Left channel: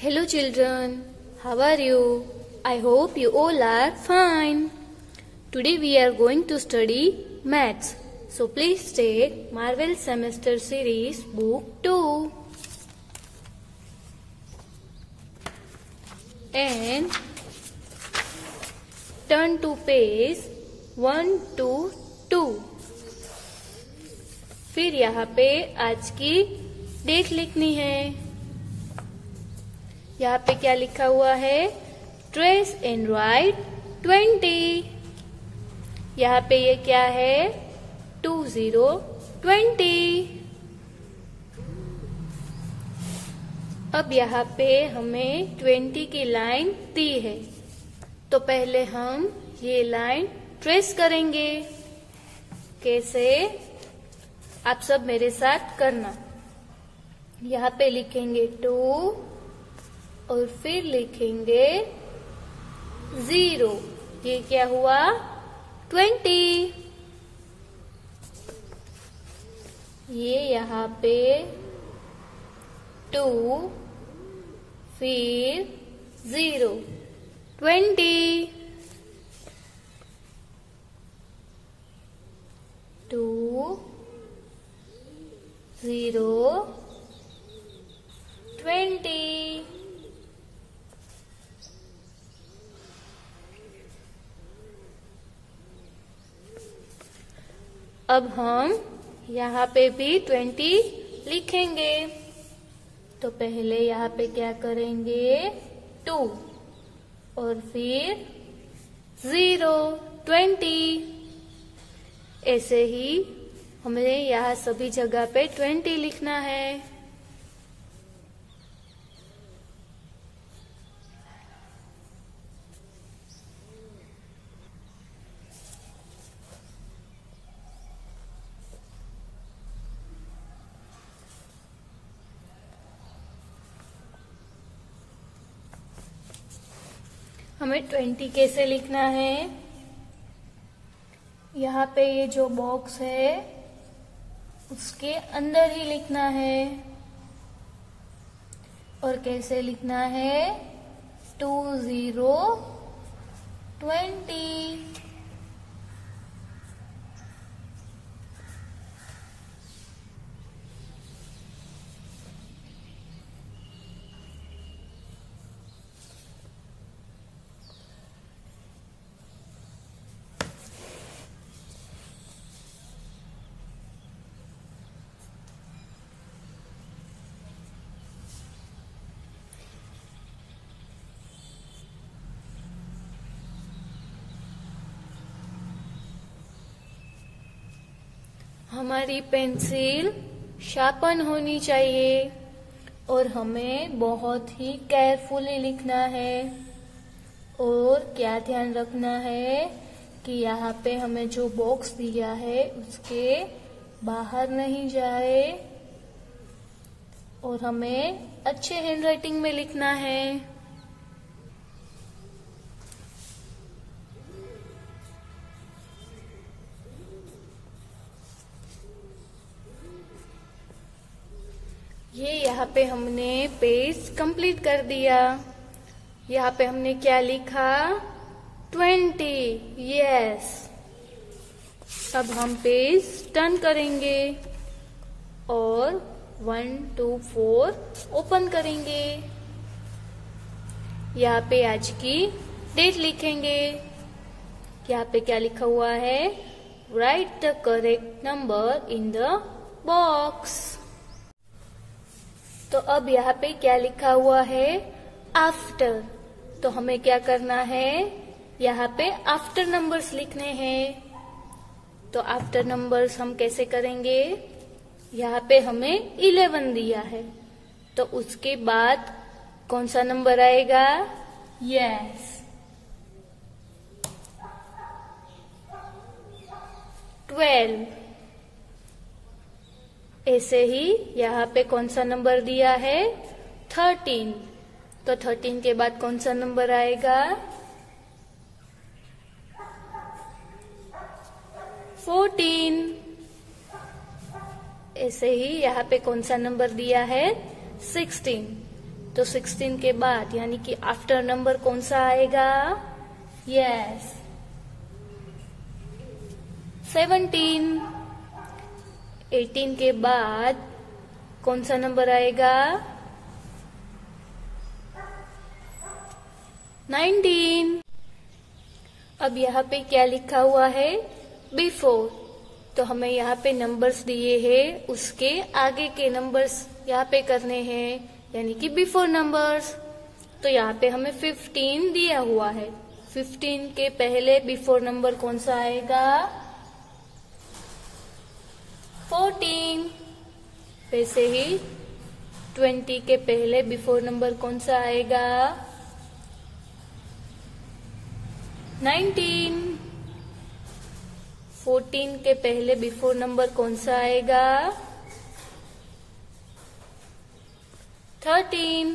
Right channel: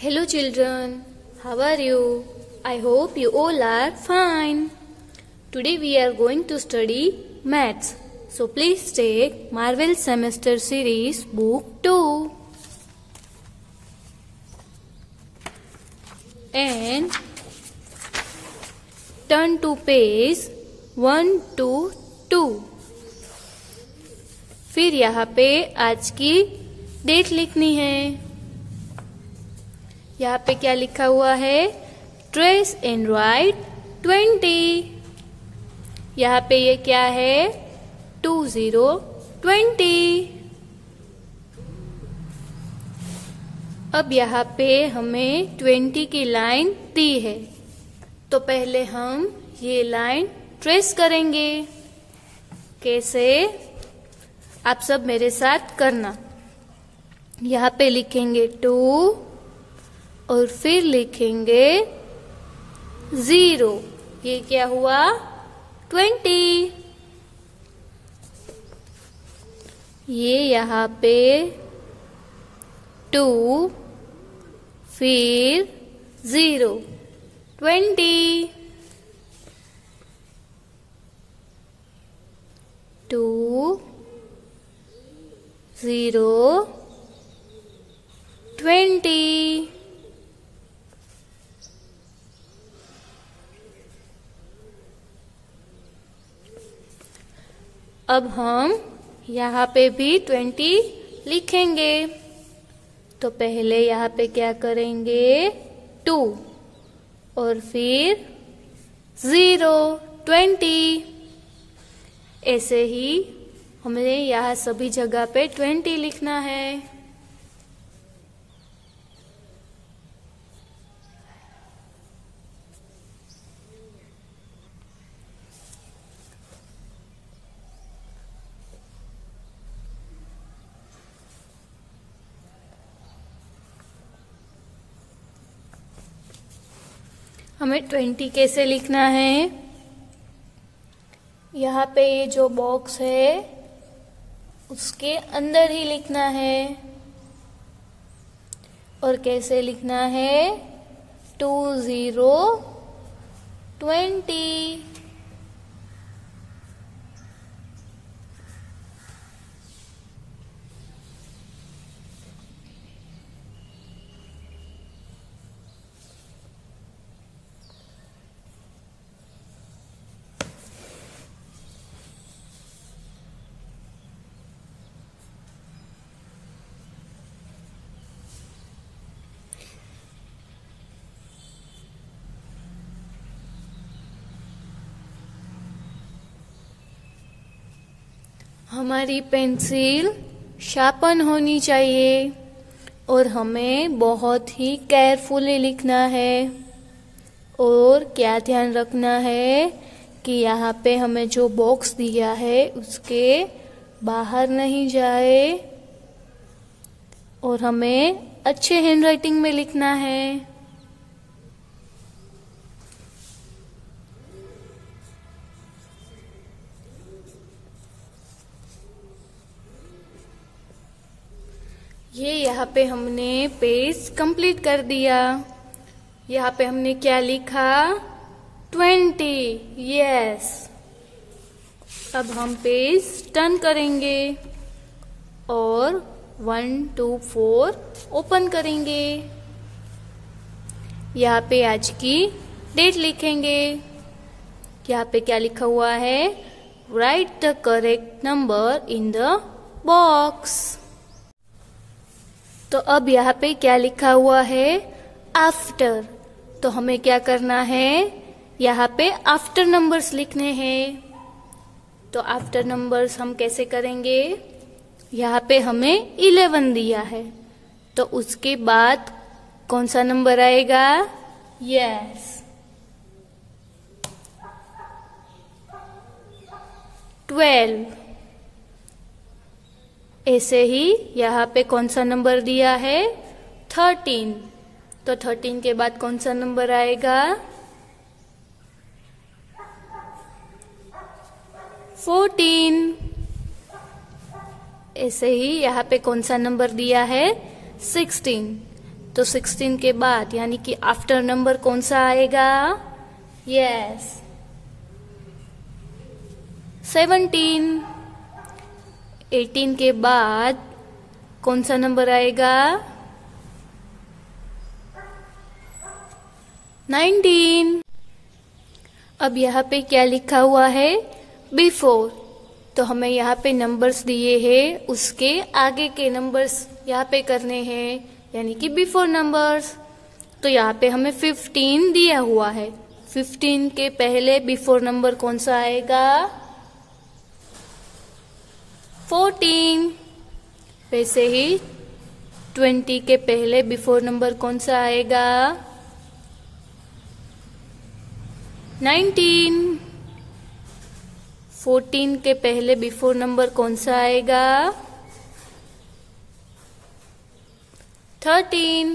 Hello children, how are you? I hope you all are fine. Today we are going to study maths. So please take Marvel Semester Series Book 2 and turn to page 122. फिर यहाँ पे आज की date लिखनी है। यहाँ पे क्या लिखा हुआ है? Trace and right 20। यहाँ पे ये क्या है? 2020। अब यहाँ पे हमें 20 की लाइन दी है, तो पहले हम ये लाइन ट्रेस करेंगे। कैसे? आप सब मेरे साथ करना। यहाँ पे लिखेंगे 2 और फिर लिखेंगे 0। ये क्या हुआ? 20। ये यहाँ पे 2 फिर 0 20। 2 0 20। अब हम यहाँ पे भी 20 लिखेंगे, तो पहले यहाँ पे क्या करेंगे? 2 और फिर 0 20। ऐसे ही हमें यहाँ सभी जगह पे 20 लिखना है। हमें 20 कैसे लिखना है? यहाँ पे ये जो बॉक्स है उसके अंदर ही लिखना है। और कैसे लिखना है? 20 20। हमारी पेंसिल शार्पन होनी चाहिए और हमें बहुत ही केयरफुली लिखना है। और क्या ध्यान रखना है कि यहाँ पे हमें जो बॉक्स दिया है उसके बाहर नहीं जाए और हमें अच्छे हैंडराइटिंग में लिखना है। ये यहाँ पे हमने पेज कंप्लीट कर दिया। यहाँ पे हमने क्या लिखा? 20। यस। अब हम पेज टर्न करेंगे और 1 2 4 ओपन करेंगे। यहाँ पे आज की डेट लिखेंगे। यहाँ पे क्या लिखा हुआ है? Right the correct number in the box. तो अब यहाँ पे क्या लिखा हुआ है? आफ्टर। तो हमें क्या करना है? यहाँ पे आफ्टर नंबर्स लिखने हैं। तो आफ्टर नंबर्स हम कैसे करेंगे? यहाँ पे हमें 11 दिया है, तो उसके बाद कौन सा नंबर आएगा? यस, 12। ऐसे ही यहाँ पे कौन सा नंबर दिया है? 13। तो 13 के बाद कौन सा नंबर आएगा? 14। ऐसे ही यहाँ पे कौन सा नंबर दिया है? 16। तो 16 के बाद यानी कि आफ्टर नंबर कौन सा आएगा? यस 17। 18 के बाद कौन सा नंबर आएगा? 19। अब यहाँ पे क्या लिखा हुआ है? बिफोर। तो हमें यहाँ पे नंबर्स दिए हैं, उसके आगे के नंबर्स यहाँ पे करने हैं, यानी कि बिफोर नंबर्स। तो यहाँ पे हमें 15 दिया हुआ है। 15 के पहले बिफोर नंबर कौन सा आएगा? 14। वैसे ही 20 के पहले बिफोर नंबर कौन सा आएगा? 19। 14 के पहले बिफोर नंबर कौन सा आएगा? 13।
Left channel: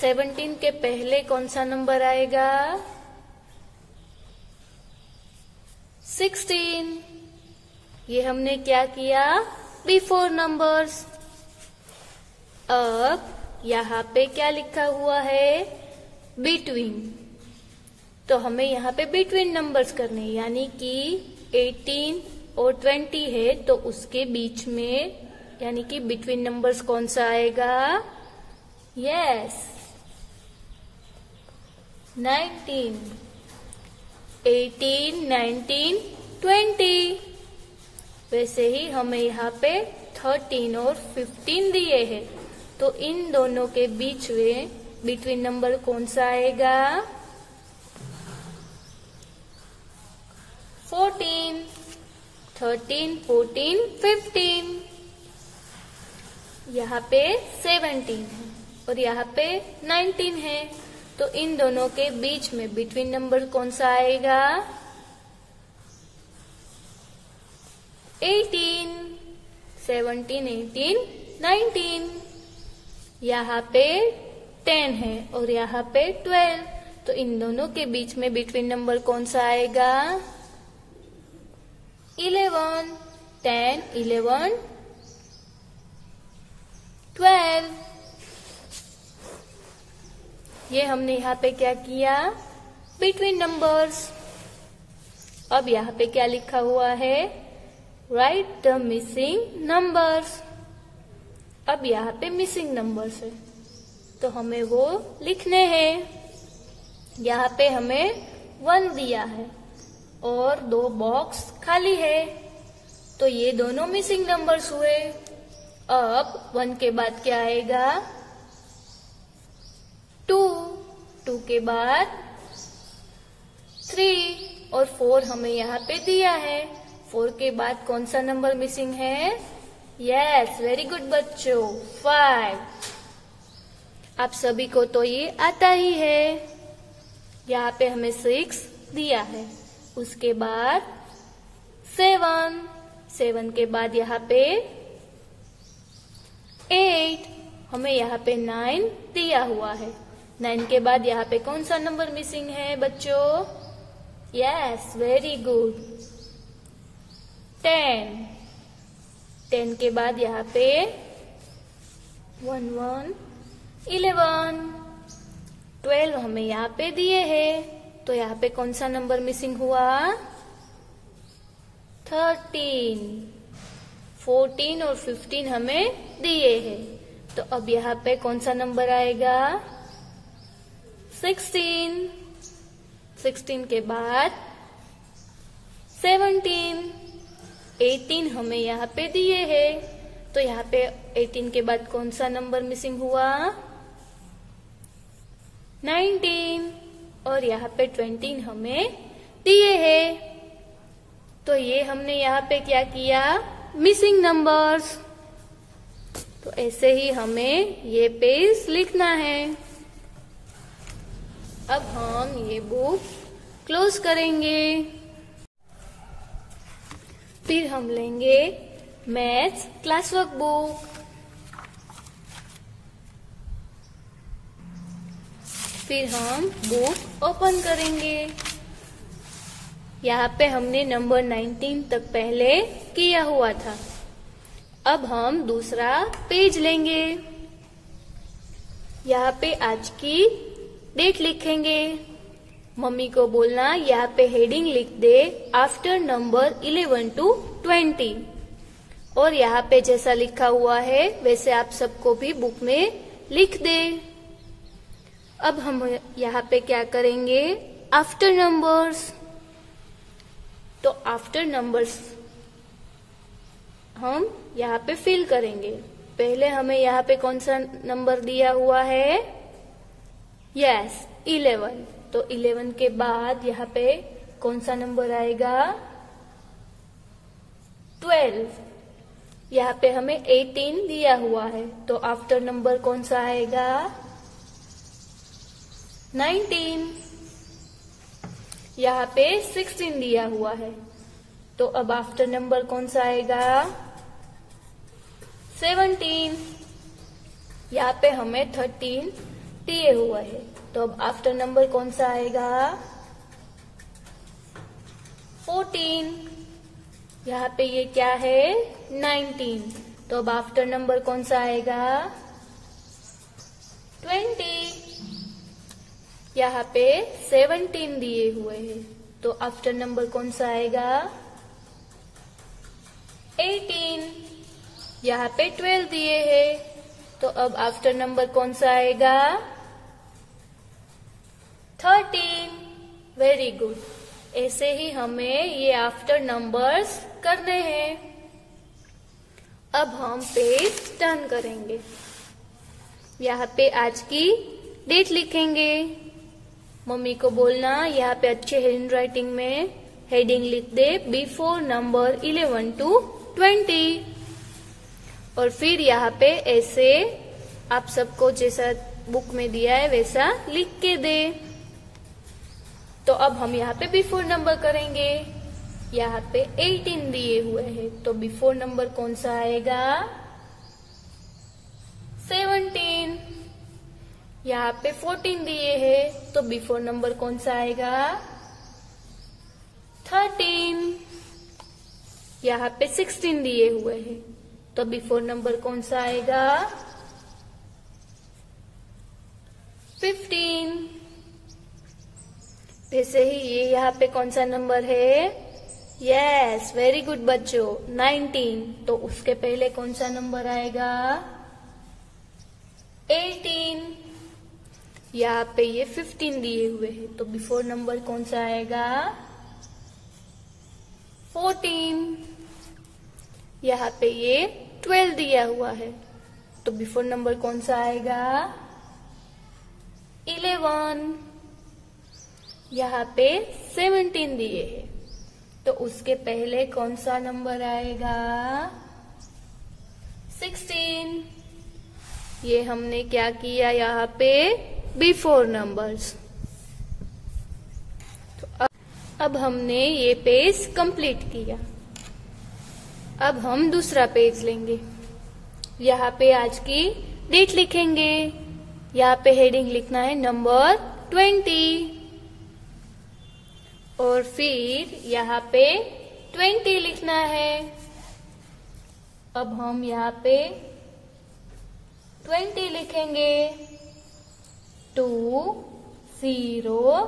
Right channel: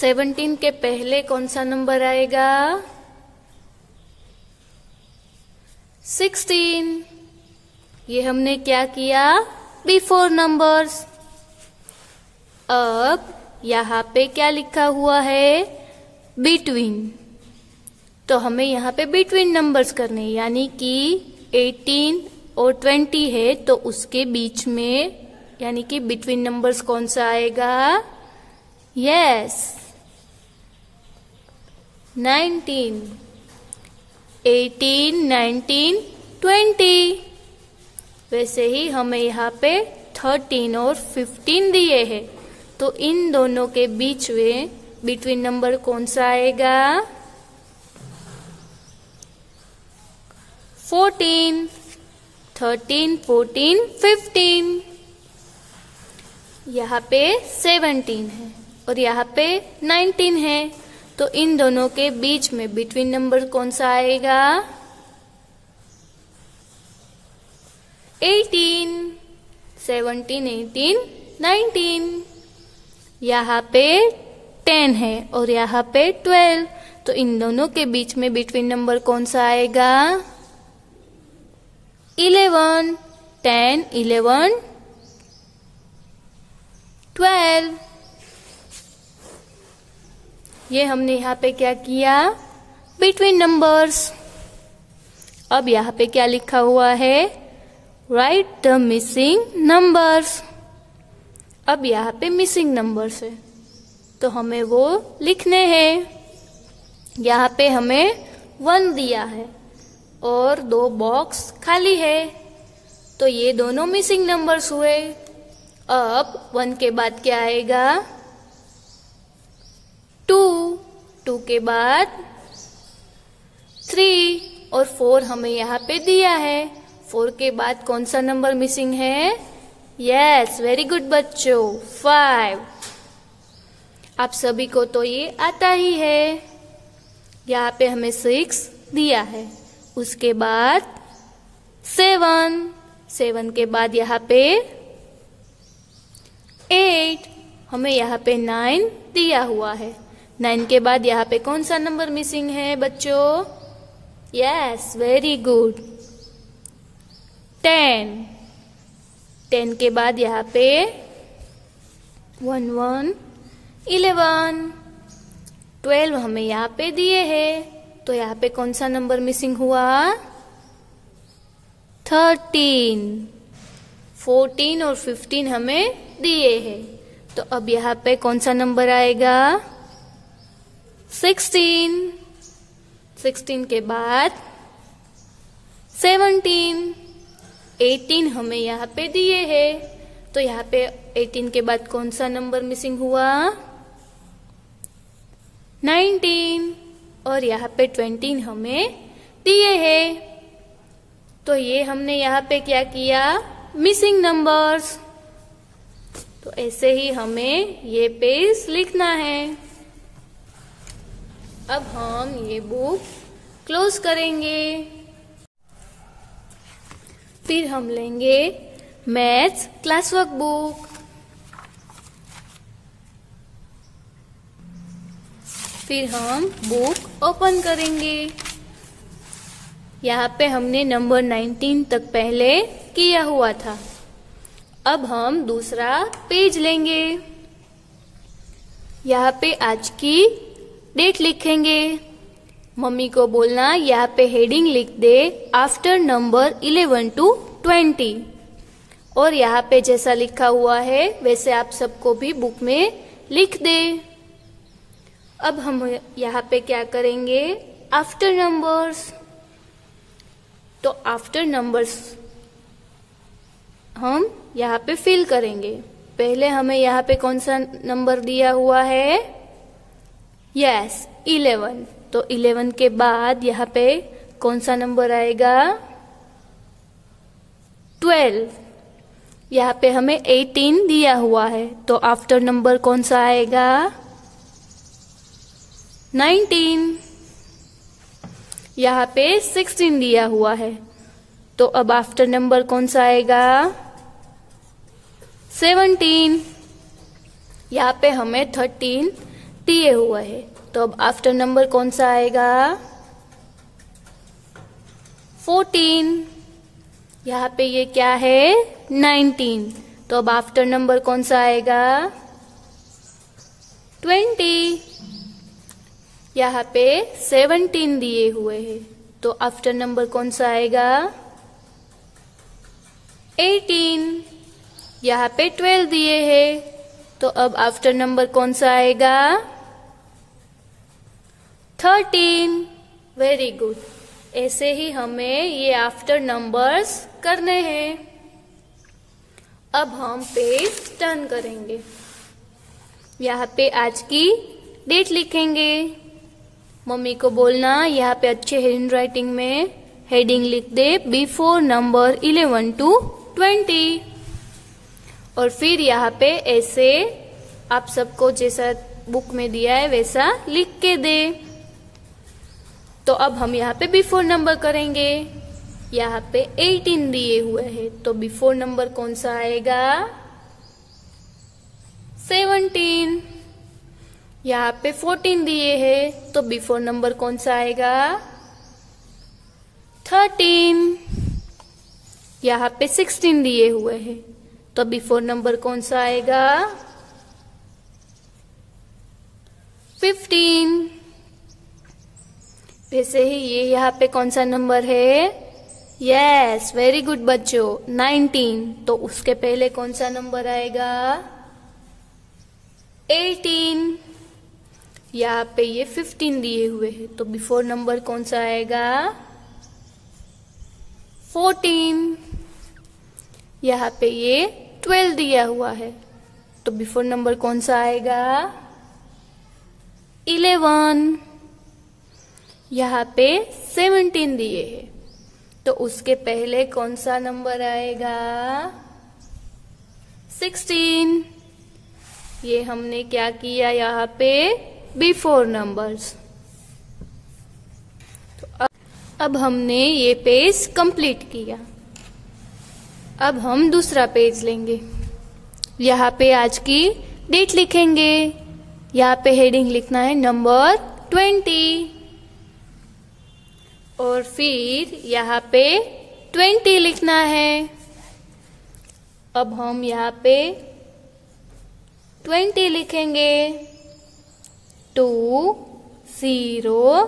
17 के पहले कौन सा नंबर आएगा? 16। ये हमने क्या किया? Before numbers. अब यहाँ पे क्या लिखा हुआ है? बिटवीन। तो हमें यहाँ पे बिटवीन नंबर्स करने, यानी कि 18 और 20 है तो उसके बीच में, यानी कि बिटवीन नंबर्स कौन सा आएगा? यस 19। 18, 19, 20। वैसे ही हमें यहाँ पे 13 और 15 दिए हैं, तो इन दोनों के बीच में बिटवीन नंबर कौन सा आएगा? 14। 13, 14, 15। यहाँ पे 17 है और यहाँ पे 19 है, तो इन दोनों के बीच में बिटवीन नंबर कौन सा आएगा? 18। 17, 18, 19। यहाँ पे 10 है और यहाँ पे 12, तो इन दोनों के बीच में बिटवीन नंबर कौन सा आएगा? 11। 10, 11, 12। ये हमने यहाँ पे क्या किया? Between numbers. अब यहाँ पे क्या लिखा हुआ है? Right the missing numbers. अब यहाँ पे मिसिंग नंबर्स है, तो हमें वो लिखने हैं। यहाँ पे हमें 1 दिया है और 2 बॉक्स खाली है, तो ये दोनों मिसिंग नंबर्स हुए। अब 1 के बाद क्या आएगा? 2। 2 के बाद 3 और 4 हमें यहाँ पे दिया है। 4 के बाद कौन सा नंबर मिसिंग है? यस वेरी गुड बच्चों, 5। आप सभी को तो ये आता ही है। यहाँ पे हमें 6 दिया है, उसके बाद 7। 7 के बाद यहाँ पे 8, हमें यहाँ पे 9 दिया हुआ है। 9 के बाद यहाँ पे कौन सा नंबर मिसिंग है बच्चों? Yes very good, 10। 10 के बाद यहाँ पे 1, 1, 11, 12 हमें यहाँ पे दिए हैं, तो यहाँ पे कौन सा नंबर मिसिंग हुआ? 13। 14 और 15 हमें दिए हैं, तो अब यहाँ पे कौन सा नंबर आएगा? 16। 16 के बाद 17। 18 हमें यहाँ पे दिए हैं, तो यहाँ पे 18 के बाद कौन सा नंबर मिसिंग हुआ? 19 और यहाँ पे 20 हमें दिए हैं, तो ये हमने यहाँ पे क्या किया? Missing numbers. तो ऐसे ही हमें ये पेज लिखना है। अब हम ये बुक क्लोज करेंगे, फिर हम लेंगे मैथ्स क्लास वर्क बुक। फिर हम बुक ओपन करेंगे। यहाँ पे हमने नंबर 19 तक पहले किया हुआ था। अब हम दूसरा पेज लेंगे। यहाँ पे आज की डेट लिखेंगे। मम्मी को बोलना यहाँ पे हेडिंग लिख दे आफ्टर नंबर 11 to 20। और यहाँ पे जैसा लिखा हुआ है वैसे आप सबको भी बुक में लिख दे। अब हम यहाँ पे क्या करेंगे, आफ्टर नंबर्स। तो आफ्टर नंबर्स हम यहाँ पे फिल करेंगे। पहले हमें यहाँ पे कौन सा नंबर दिया हुआ है, यस 11। तो 11 के बाद यहाँ पे कौन सा नंबर आएगा, 12। यहाँ पे हमें 18 दिया हुआ है, तो आफ्टर नंबर कौन सा आएगा, 19। यहाँ पे 16 दिया हुआ है, तो अब आफ्टर नंबर कौन सा आएगा, 17। यहाँ पे हमें 13 दिए हुए है, तो अब आफ्टर नंबर कौन सा आएगा, 14। यहाँ पे ये क्या है, 19। तो अब आफ्टर नंबर कौन सा आएगा, 20। यहाँ पे 17 दिए हुए हैं, तो आफ्टर नंबर कौन सा आएगा, 18। यहाँ पे 12 दिए हैं, तो अब आफ्टर नंबर कौन सा आएगा, 13। Very good. ऐसे ही हमें ये आफ्टर नंबर्स करने हैं। अब हम पेज टर्न करेंगे। यहाँ पे आज की डेट लिखेंगे। मम्मी को बोलना यहाँ पे अच्छे हैंड राइटिंग में हेडिंग लिख दे बिफोर नंबर 11 to 20। और फिर यहाँ पे ऐसे आप सबको जैसा बुक में दिया है वैसा लिख के दे। तो अब हम यहाँ पे बिफोर नंबर करेंगे। यहाँ पे 18 दिए हुए हैं, तो बिफोर नंबर कौन सा आएगा, 17। यहाँ पे 14 दिए हैं, तो बिफोर नंबर कौन सा आएगा, 13। यहाँ पे 16 दिए हुए हैं, तो बिफोर नंबर कौन सा आएगा, 15। ऐसे ही ये यहाँ पे कौन सा नंबर है, यस वेरी गुड बच्चों, 19। तो उसके पहले कौन सा नंबर आएगा, 18। यहाँ पे ये 15 दिए हुए हैं, तो बिफोर नंबर कौन सा आएगा, 14। यहाँ पे ये 12 दिया हुआ है, तो बिफोर नंबर कौन सा आएगा, 11। यहाँ पे 17 दिए हैं, तो उसके पहले कौन सा नंबर आएगा, 16। ये हमने क्या किया यहाँ पे, बिफोर नंबर्स। तो अब हमने ये पेज कंप्लीट किया। अब हम दूसरा पेज लेंगे। यहाँ पे आज की डेट लिखेंगे। यहाँ पे हेडिंग लिखना है नंबर 20। और फिर यहाँ पे 20 लिखना है। अब हम यहाँ पे 20 लिखेंगे, 2 0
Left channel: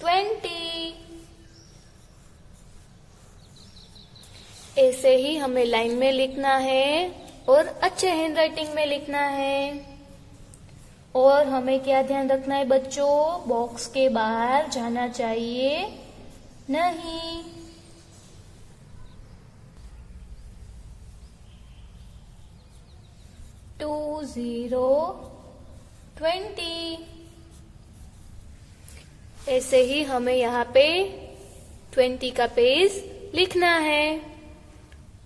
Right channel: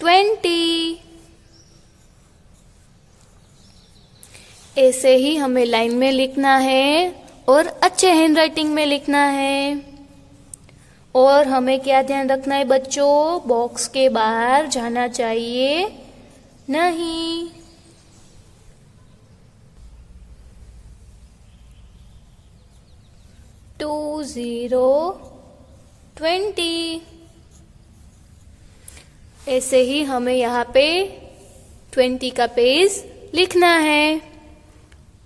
20। ऐसे ही हमें लाइन में लिखना है और अच्छे हैंड राइटिंग में लिखना है। और हमें क्या ध्यान रखना है बच्चों, बॉक्स के बाहर जाना चाहिए नहीं। टू 0 20। ऐसे ही हमें यहाँ पे 20 का पेज लिखना है।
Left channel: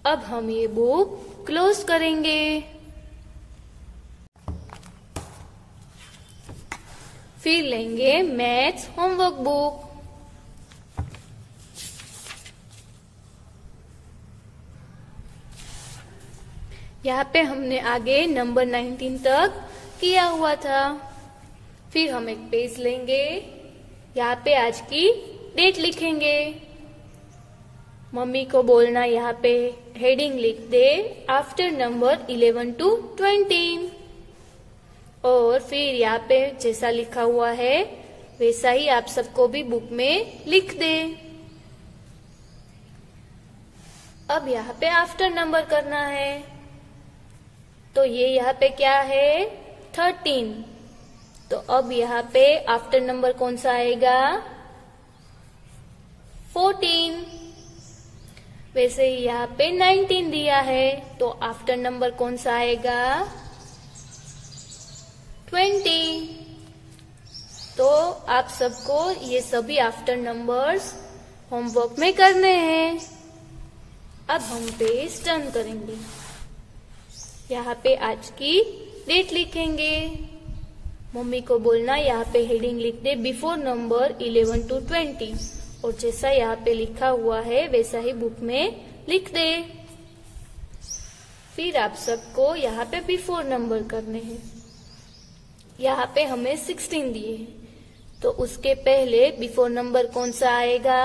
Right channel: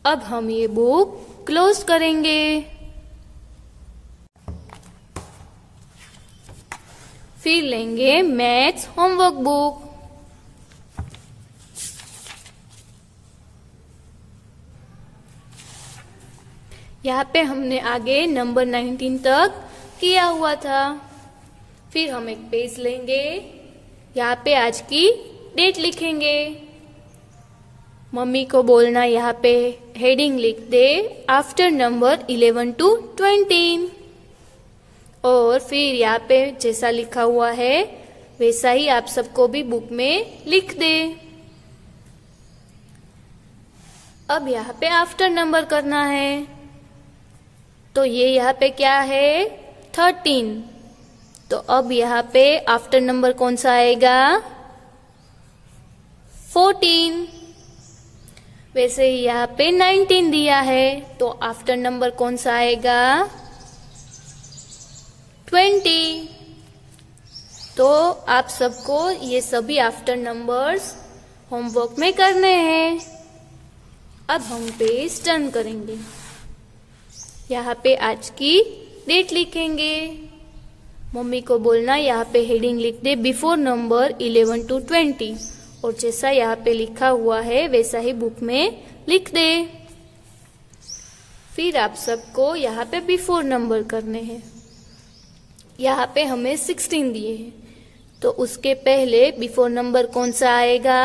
अब हम ये बुक क्लोज करेंगे। फिर लेंगे मैथ्स होमवर्क बुक। यहाँ पे हमने आगे नंबर 19 तक किया हुआ था। फिर हम एक पेज लेंगे, यहाँ पे आज की डेट लिखेंगे। मम्मी को बोलना यहाँ पे हेडिंग लिख दे आफ्टर नंबर 11 to 20। और और फिर यहाँ पे जैसा लिखा हुआ है वैसा ही आप सबको भी बुक में लिख दे। अब यहाँ पे आफ्टर नंबर करना है, तो ये यहाँ पे क्या है 13। तो अब यहाँ पे आफ्टर नंबर कौन सा आएगा 14। वैसे ही यहाँ पे 19 दिया है, तो आफ्टर नंबर कौन सा आएगा 20। तो आप सबको ये सभी आफ्टर नंबर्स होमवर्क में करने हैं। अब हम पेज टर्न करेंगे, यहाँ पे आज की डेट लिखेंगे। मम्मी को बोलना यहाँ पे हेडिंग लिख दे बिफोर नंबर 11 to 20, और जैसा यहाँ पे लिखा हुआ है वैसा ही बुक में लिख दे। फिर आप सबको यहाँ पे बिफोर नंबर करने हैं। यहाँ पे हमें 16 दिए हैं, तो उसके पहले बिफोर नंबर कौन सा आएगा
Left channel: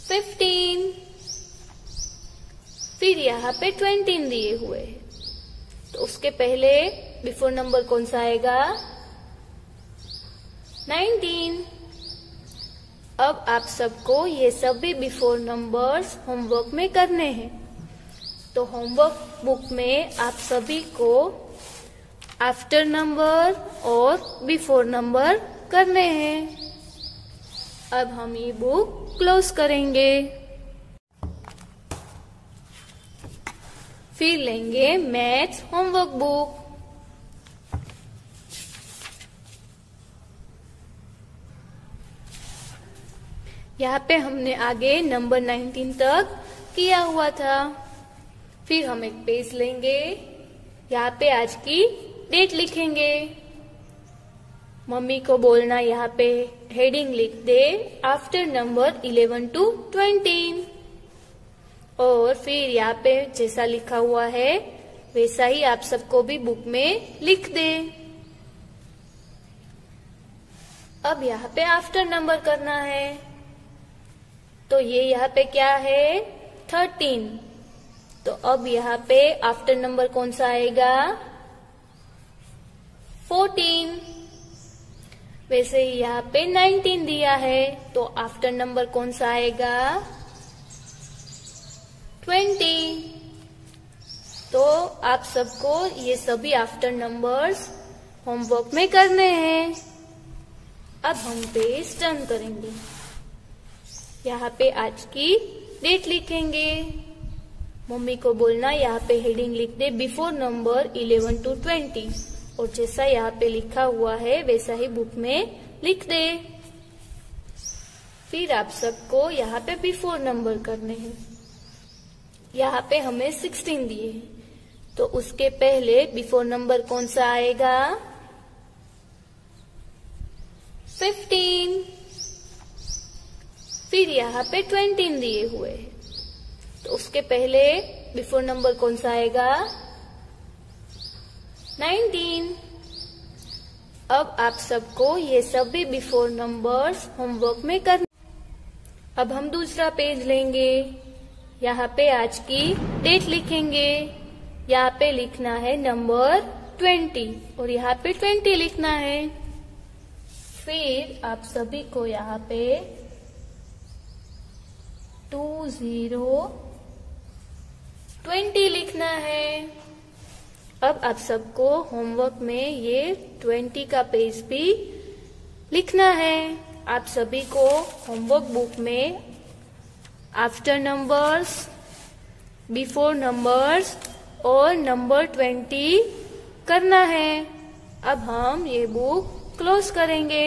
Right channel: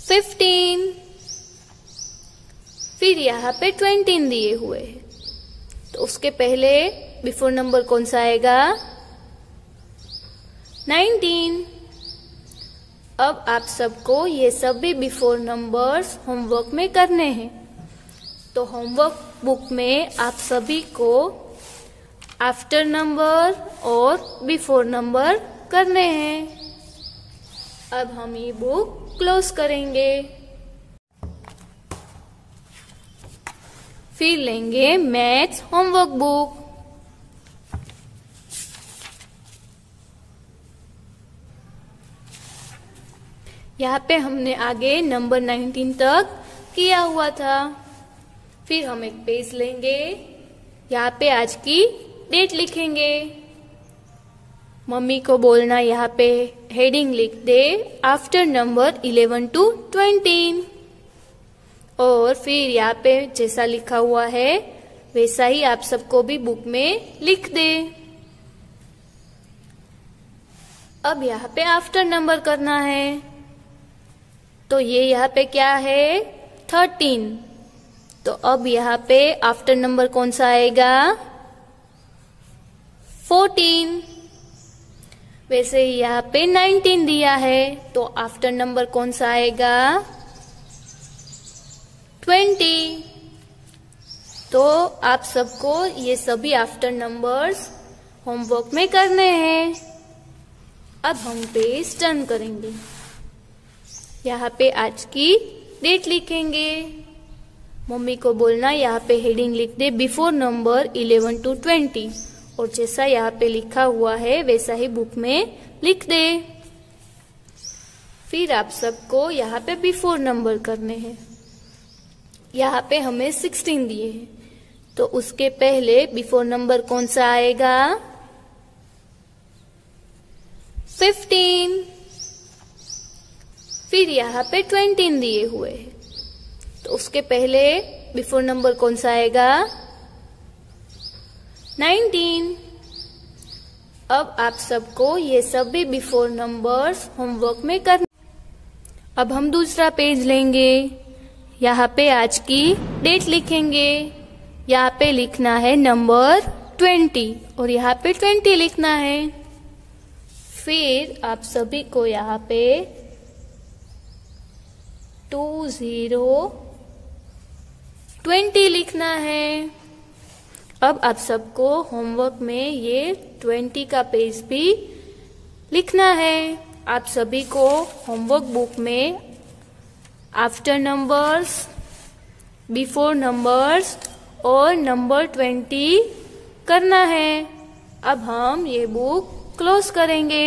15। फिर यहाँ पे 20 दिए हुए हैं, तो उसके पहले बिफोर नंबर कौन सा आएगा 19। अब आप सबको ये सभी बिफोर नंबर्स होमवर्क में करने हैं। तो होमवर्क बुक में आप सभी को आफ्टर नंबर और बिफोर नंबर करने हैं। अब हम ये बुक क्लोज करेंगे, फिर लेंगे मैथ्स होमवर्क बुक। यहाँ पे हमने आगे नंबर 19 तक किया हुआ था। फिर हम एक पेज लेंगे, यहाँ पे आज की डेट लिखेंगे। मम्मी को बोलना यहाँ पे हेडिंग लिख दे आफ्टर नंबर 11 to 20, और फिर यहाँ पे जैसा लिखा हुआ है वैसा ही आप सबको भी बुक में लिख दे। अब यहाँ पे आफ्टर नंबर करना है, तो ये यहाँ पे क्या है 13। तो अब यहाँ पे आफ्टर नंबर कौन सा आएगा 14। वैसे ही यहाँ पे 19 दिया है, तो आफ्टर नंबर कौन सा आएगा 20। तो आप सबको ये सभी आफ्टर नंबर्स होमवर्क में करने हैं। अब हम पेज टर्न करेंगे, यहाँ पे आज की डेट लिखेंगे। मम्मी को बोलना यहाँ पे हेडिंग लिख दे बिफोर नंबर 11 to 20, और जैसा यहाँ पे लिखा हुआ है वैसा ही बुक में लिख दे। फिर आप सबको यहाँ पे बिफोर नंबर करने हैं। यहाँ पे हमें 16 दिए हैं, तो उसके पहले बिफोर नंबर कौन सा आएगा 15। फिर यहाँ पे 20 दिए हुए हैं, तो उसके पहले बिफोर नंबर कौन सा आएगा 19। अब आप सबको ये सभी बिफोर नंबर्स होमवर्क में करना। अब हम दूसरा पेज लेंगे, यहाँ पे आज की डेट लिखेंगे। यहाँ पे लिखना है नंबर 20, और यहाँ पे 20 लिखना है। फिर आप सभी को यहाँ पे 20 लिखना है। अब आप सबको होमवर्क में ये 20 का पेज भी लिखना है। आप सभी को होमवर्क बुक में आफ्टर नंबर्स, बिफोर नंबर्स और नंबर 20 करना है। अब हम ये बुक क्लोज करेंगे।